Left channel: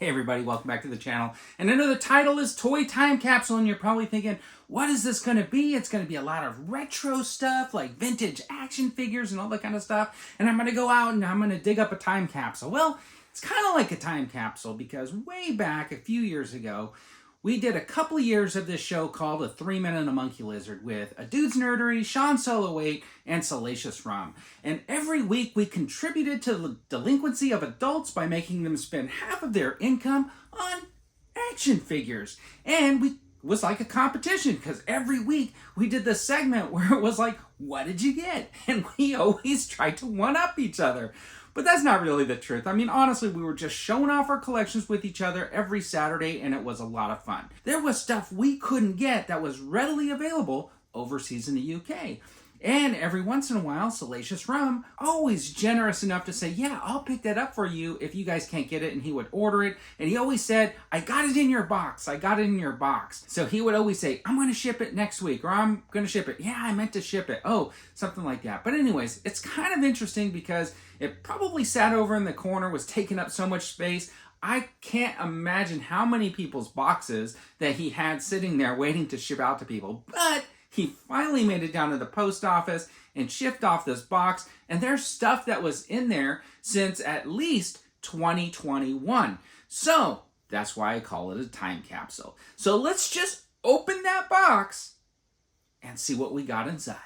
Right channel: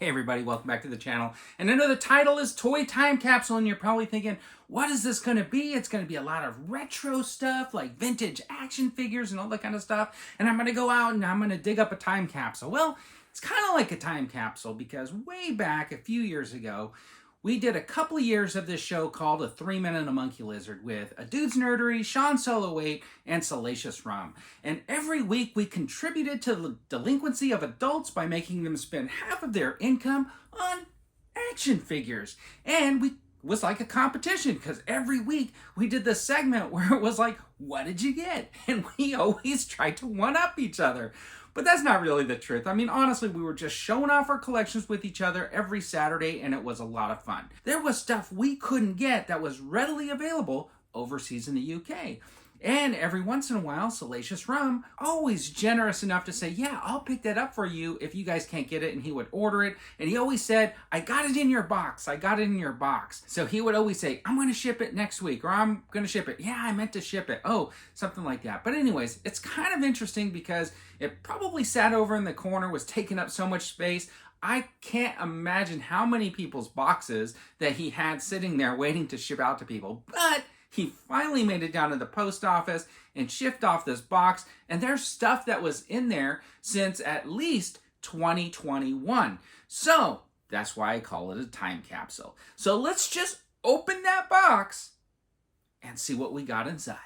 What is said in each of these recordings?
Hey everybody, welcome back to the channel. And I know the title is Toy Time Capsule, and you're probably thinking, what is this going to be? It's going to be a lot of retro stuff, like vintage action figures and all that kind of stuff. And I'm going to go out and I'm going to dig up a time capsule. Well, it's kind of like a time capsule because way back a few years ago, we did a couple of years of this show called A 3-Minute and a Monkey Lizard with A Dude's Nerdery, Sean Solo 8, and Salacious Rum. And every week we contributed to the delinquency of adults by making them spend half of their income on action figures. And it was like a competition because every week we did this segment where it was like, what did you get? And we always tried to one-up each other. But that's not really the truth. I mean, honestly, we were just showing off our collections with each other every Saturday, and it was a lot of fun. There was stuff we couldn't get that was readily available overseas in the UK. And every once in a while, Salacious Rum, always generous enough to say, yeah, I'll pick that up for you if you guys can't get it, and he would order it. And he always said, I got it in your box. I got it in your box. So he would always say, I'm going to ship it next week, or I'm going to ship it. Yeah, I meant to ship it. Oh, something like that. But anyways, it's kind of interesting because it probably sat over in the corner, was taking up so much space. I can't imagine how many people's boxes that he had sitting there waiting to ship out to people. But he finally made it down to the post office and shipped off this box. And there's stuff that was in there since at least 2021. So that's why I call it a time capsule. So let's just open that box and see what we got inside.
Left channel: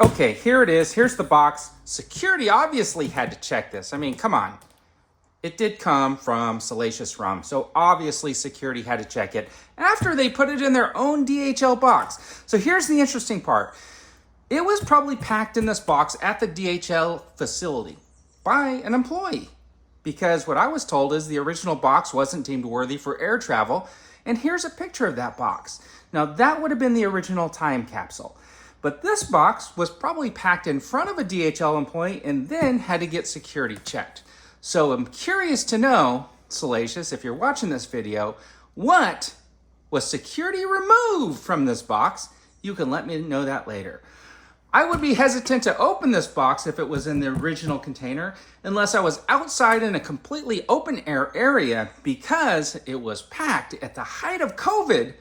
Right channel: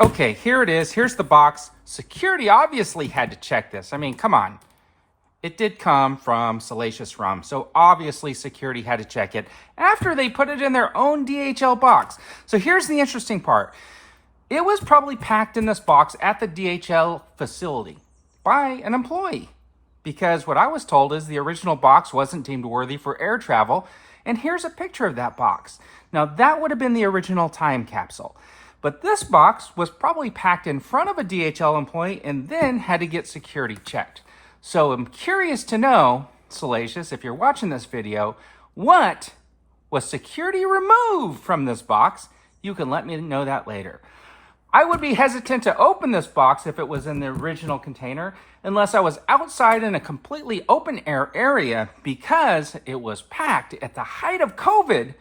Okay, here it is. Here's the box. Security obviously had to check this. I mean, come on. It did come from Salacious Rum, so obviously security had to check it after they put it in their own DHL box. So here's the interesting part. It was probably packed in this box at the DHL facility by an employee, because what I was told is the original box wasn't deemed worthy for air travel, and here's a picture of that box. Now that would have been the original time capsule. But this box was probably packed in front of a DHL employee and then had to get security checked. So I'm curious to know, Salacious, if you're watching this video, what was security removed from this box? You can let me know that later. I would be hesitant to open this box if it was in the original container, unless I was outside in a completely open air area because it was packed at the height of COVID.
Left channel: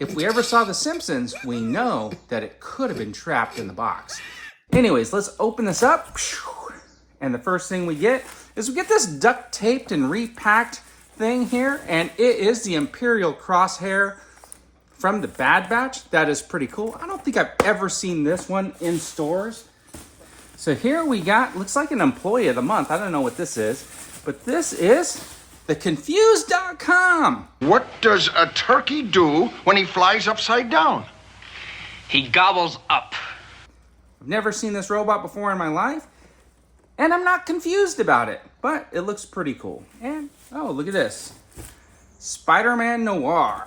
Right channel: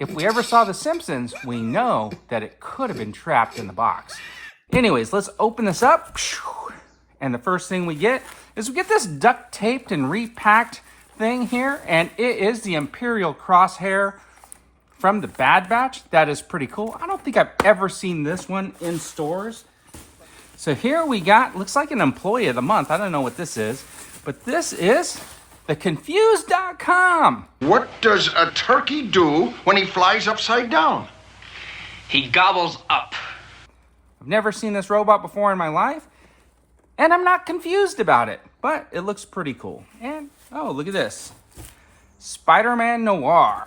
If we ever saw The Simpsons, we know that it could have been trapped in the box. Anyways, let's open this up. And the first thing we get is we get this duct taped and repacked thing here. And it is the Imperial Crosshair from the Bad Batch. That is pretty cool. I don't think I've ever seen this one in stores. So here we got, looks like an Employee of the Month. I don't know what this is, but this is the Confused.com. What does a turkey do when he flies upside down? He gobbles up. I've never seen this robot before in my life, and I'm not confused about it, but it looks pretty cool. And, oh, look at this. Spider-Man Noir.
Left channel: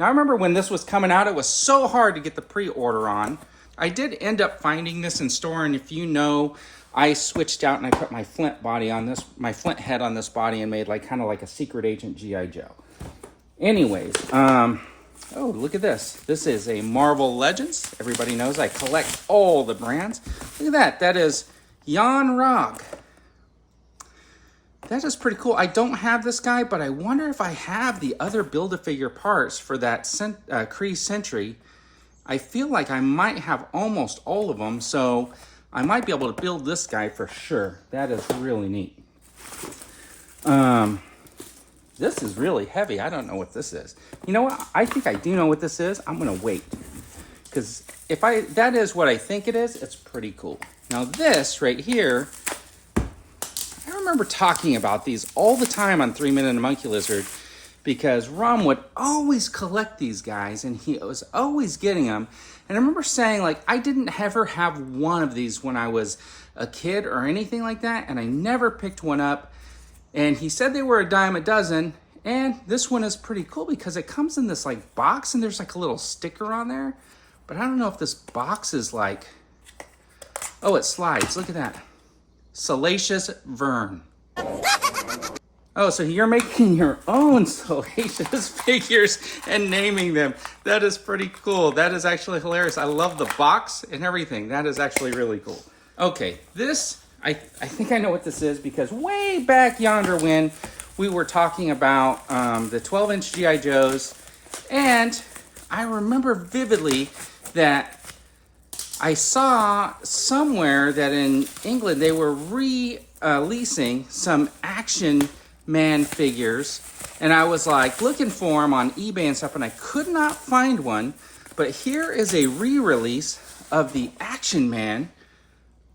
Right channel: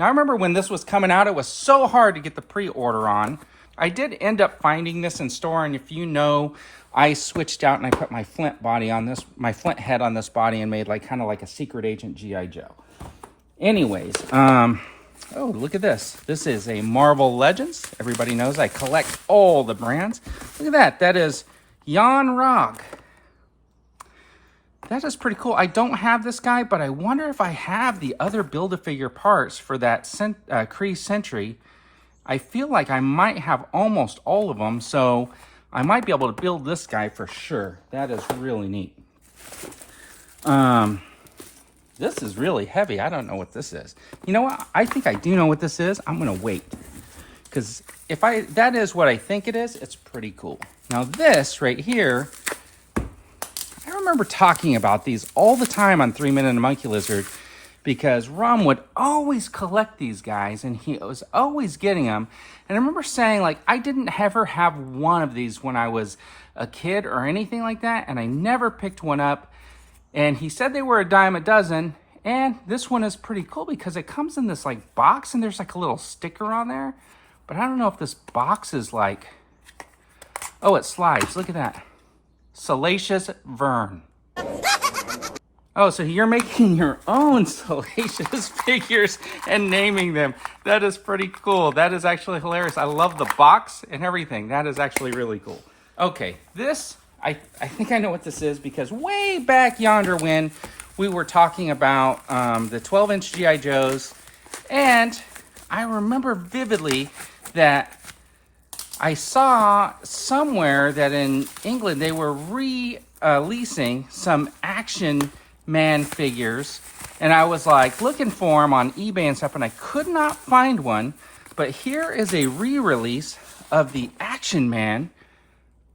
Now, I remember when this was coming out, it was so hard to get the pre-order on. I did end up finding this in store, and if you know, I switched out and I put my Flint body on this, my Flint head on this body and made like kind of like a Secret Agent G.I. Joe. Anyways, oh, look at this. This is a Marvel Legends. Everybody knows I collect all the brands. Look at that. That is Jan Rog. That is pretty cool. I don't have this guy, but I wonder if I have the other Build-A-Figure parts for that Kree Sentry. I feel like I might have almost all of them, so I might be able to build this guy for sure. That is really neat. This is really heavy. I don't know what this is. You know what? I think I do know what this is. I'm gonna wait. Because if that is what I think it is, it's pretty cool. Now this right here, I remember talking about these all the time on 3-Minute and a Monkey Lizard, because Rum would always collect these guys and he was always getting them. And I remember saying, like, I didn't ever have one of these when I was a kid or anything like that, and I never picked one up. And he said they were a dime a dozen, and this one is pretty cool because it comes in this like box and there's like a little sticker on there. But I don't know if this box is like, oh, it slides. Look at that. Salacious Vern. Oh, so you're making your own Salacious figures and naming them. That is pretty cool. That is actually hilarious. I love the box and everything. That is actually really cool. Okay, this I think I know what this is because way back yonder when we were talking about the 12-inch G.I. Joes, and I remember vividly that I saw somewhere that in England they were releasing some Action Man figures, and I was like looking for them on eBay and stuff, and I could not find one. But here is a re-release of the Action Man.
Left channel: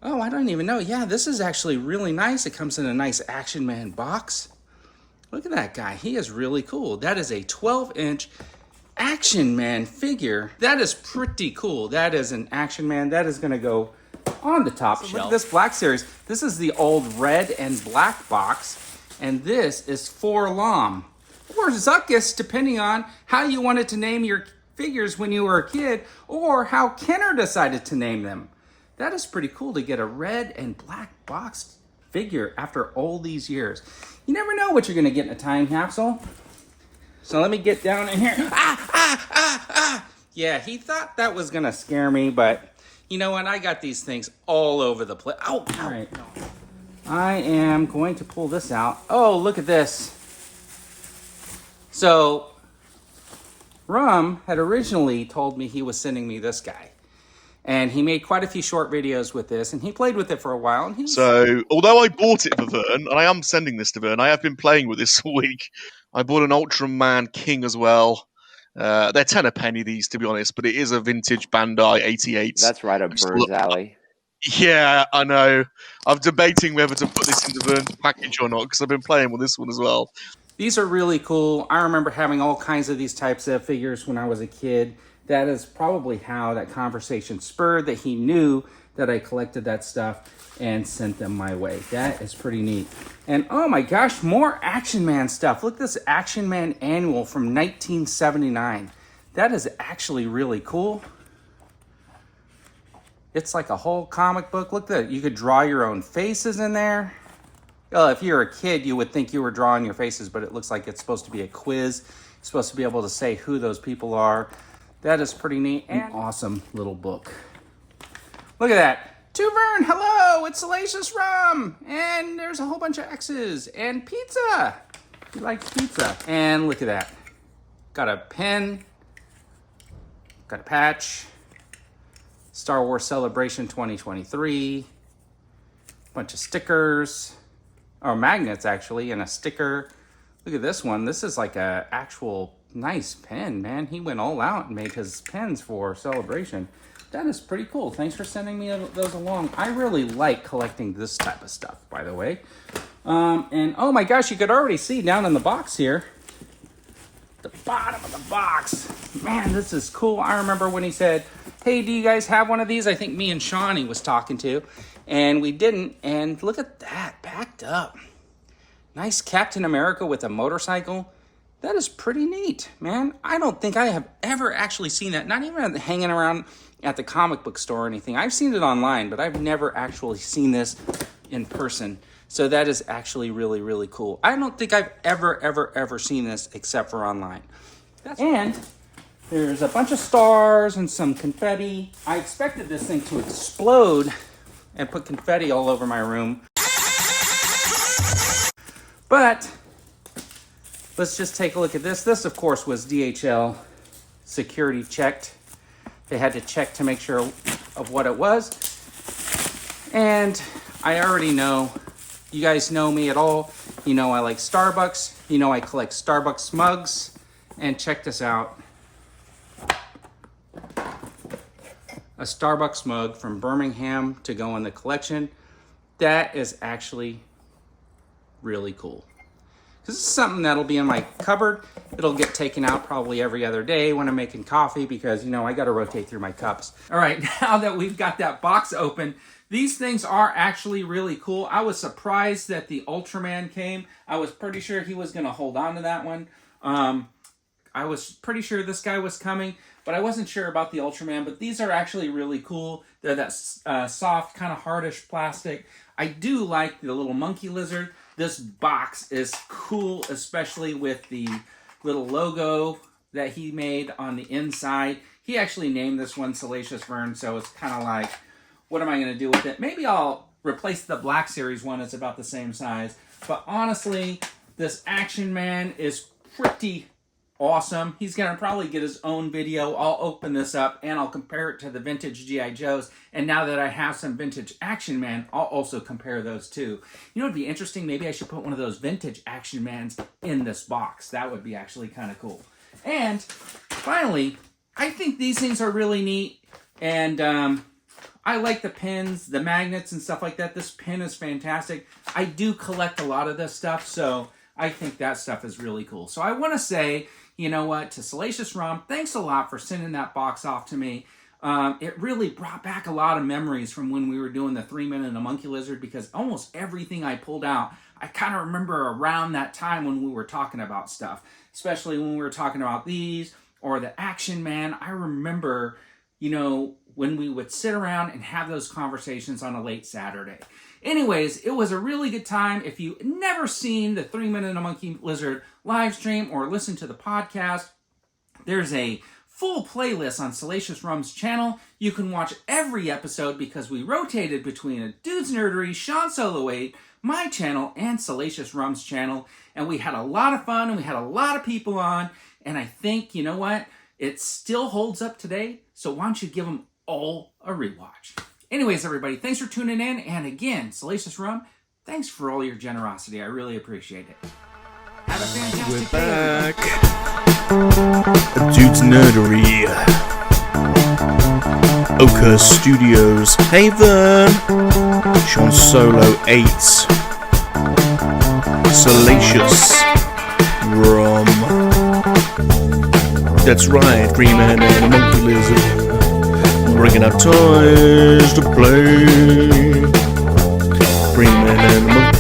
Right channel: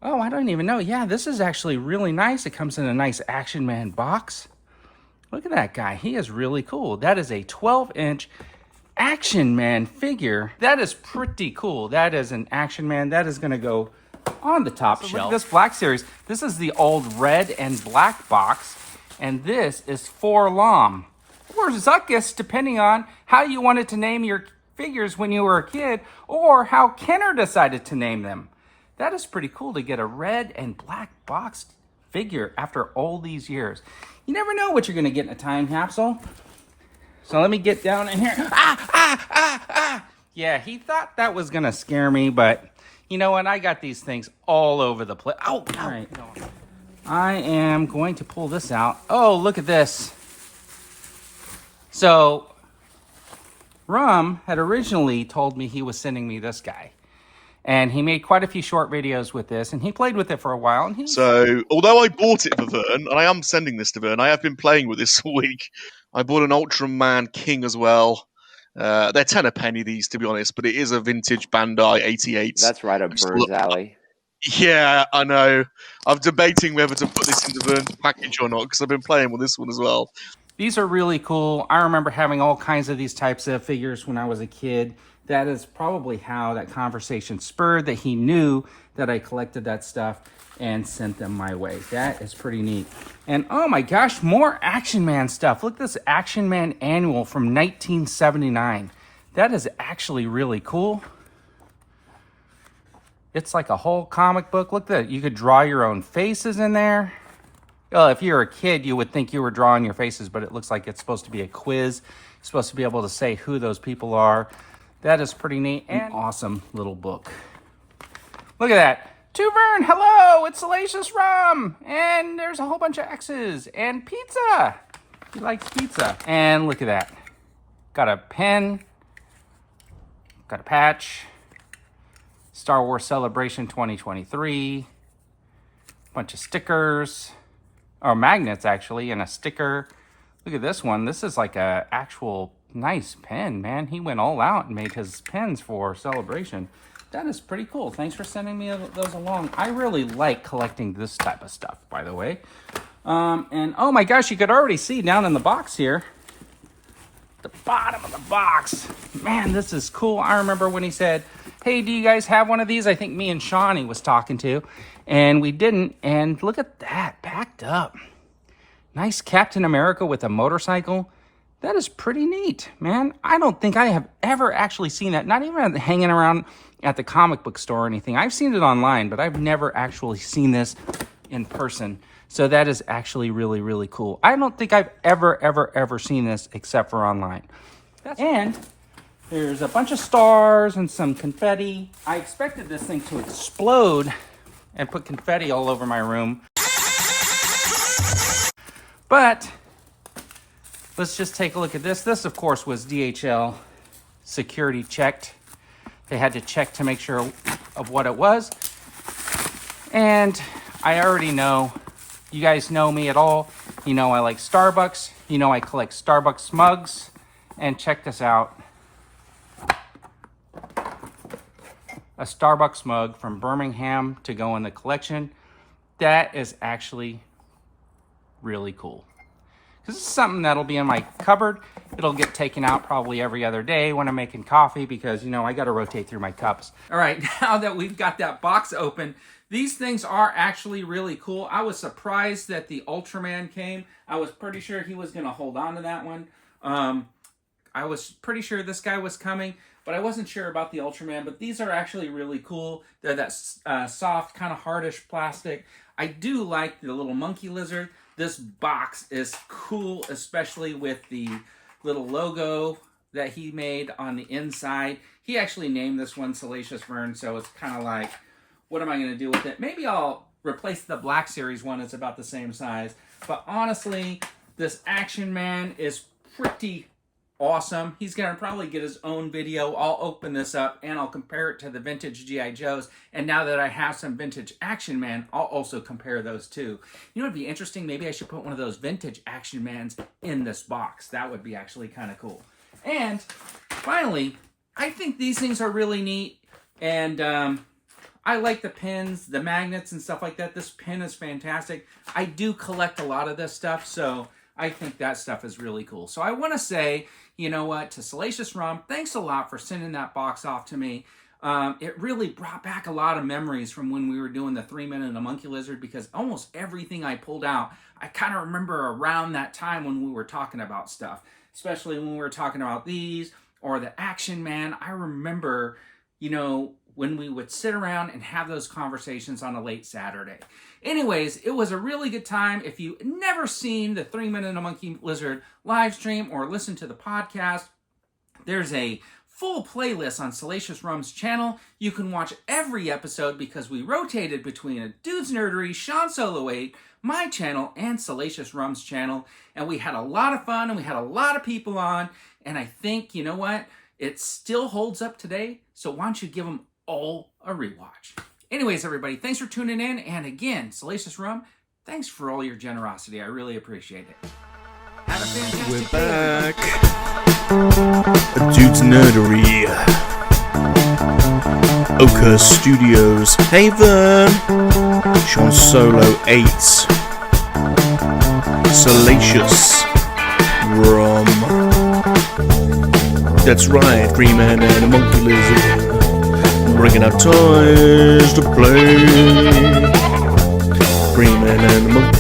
Oh, I don't even know. Yeah, this is actually really nice. It comes in a nice Action Man box. Look at that guy. He is really cool. That is a 12-inch Action Man figure. That is pretty cool. That is an Action Man. That is going to go on the top shelf. Look at this Black Series. This is the old red and black box. And this is for Lom or Zuckus, depending on how you wanted to name your figures when you were a kid or how Kenner decided to name them. That is pretty cool to get a red and black box figure after all these years. You never know what you're going to get in a time capsule. So let me get down in here. Yeah, he thought that was going to scare me, but you know what? I got these things all over the place. Oh, all right. I am going to pull this out. Oh, look at this. So, Rum had originally told me he was sending me this guy. And he made quite a few short videos with this, and he played with it for a while. And So, although I bought it for Vern, and I am sending this to Vern, I have been playing with this all week. I bought an Ultraman King as well. They're 10 a penny, these, to be honest, but it is a vintage Bandai 88. That's right up Vern's alley. Yeah, I know. I'm debating whether to put this into Vern's package or not, because I've been playing with this one as well. These are really cool. I remember having all kinds of these types of figures when I was a kid. That is probably how that conversation spurred, that he knew that I collected that stuff and sent them my way. That is pretty neat. And oh my gosh, more Action Man stuff. Look at this Action Man annual from 1979. That is actually really cool. It's like a whole comic book. Look at that. You could draw your own faces in there. Well, if you're a kid, you would think you were drawing your faces, but it looks like it's supposed to be a quiz. You're supposed to be able to say who those people are. That is pretty neat and awesome little book. Look at that. To Vern, hello, it's Salacious Rum. And there's a whole bunch of X's and pizza. He likes pizza. And look at that. Got a pen. Got a patch. Star Wars Celebration 2023. Bunch of stickers. Or magnets, actually, and a sticker. Look at this one. This is like a actual nice pen, man. He went all out and made his pens for Celebration. That is pretty cool. Thanks for sending me those along. I really like collecting this type of stuff, by the way. And oh my gosh, you could already see down in the box here, the bottom of the box. Man, this is cool. I remember when he said, hey, do you guys have one of these? I think me and Sean he was talking to, and we didn't. And look at that, packed up. Nice Captain America with a motorcycle. That is pretty neat, man. I don't think I have ever actually seen that, not even hanging around at the comic book store or anything. I've seen it online, but I've never actually seen this in person. So that is actually really, really cool. I don't think I've ever seen this except for online. And there's a bunch of stars and some confetti. I expected this thing to explode and put confetti all over my room. But let's just take a look at this. This, of course, was DHL security checked. They had to check to make sure of what it was. And I already know, you guys know me at all. You know I like Starbucks. You know I collect Starbucks mugs. And check this out. A Starbucks mug from Birmingham to go in the collection. That is actually really cool. This is something that'll be in my cupboard. It'll get taken out probably every other day when I'm making coffee because, you know, I got to rotate through my cups. All right, now that we've got that box open, these things are actually really cool. I was surprised that the Ultraman came. I was pretty sure he was going to hold on to that one. I was pretty sure this guy was coming, but I wasn't sure about the Ultraman. But these are actually really cool. They're that soft, kind of hardish plastic. I do like the little monkey lizard. This box is cool, especially with the little logo that he made on the inside. He actually named this one Salacious Vern, so it's kind of like, what am I going to do with it? Maybe I'll replace the Black Series one. It's about the same size. But honestly, this Action Man is pretty awesome. He's going to probably get his own video. I'll open this up and I'll compare it to the vintage G.I. Joes. And now that I have some vintage Action Man, I'll also compare those too. You know, it'd be interesting. Maybe I should put one of those vintage Action Mans in this box. That would be actually kind of cool. And finally, I think these things are really neat. And I like the pins, the magnets and stuff like that. This pin is fantastic. I do collect a lot of this stuff, so I think that stuff is really cool. So I want to say, you know what, to Salacious Rum, thanks a lot for sending that box off to me. It really brought back a lot of memories from when we were doing the 3-Man and a Monkey Lizard, because almost everything I pulled out, I kind of remember around that time when we were talking about stuff, especially when we were talking about these or the Action Man. I remember, you know, when we would sit around and have those conversations on a late Saturday. Anyways, it was a really good time. If you've never seen the 3-Man and a Monkey Lizard live stream or listen to the podcast, there's a full playlist on Salacious Rum's channel. You can watch every episode because we rotated between a Dude's Nerdery, Sean Solo 8, my channel, and Salacious Rum's channel. And we had a lot of fun and we had a lot of people on. And I think, you know what? It still holds up today. So why don't you give them all a rewatch? Anyways, everybody, thanks for tuning in. And again, Salacious Rum, thanks for all your generosity. I really appreciate it. Have a fantastic We're day. back. Dude's Nerdery. Ochre Studios. Hey Vern. Sean Solo 8. Salacious Rum. That's right, 3-Man and a Monkey Lizard. Bringing out toys to play. 3-Man and a Monkey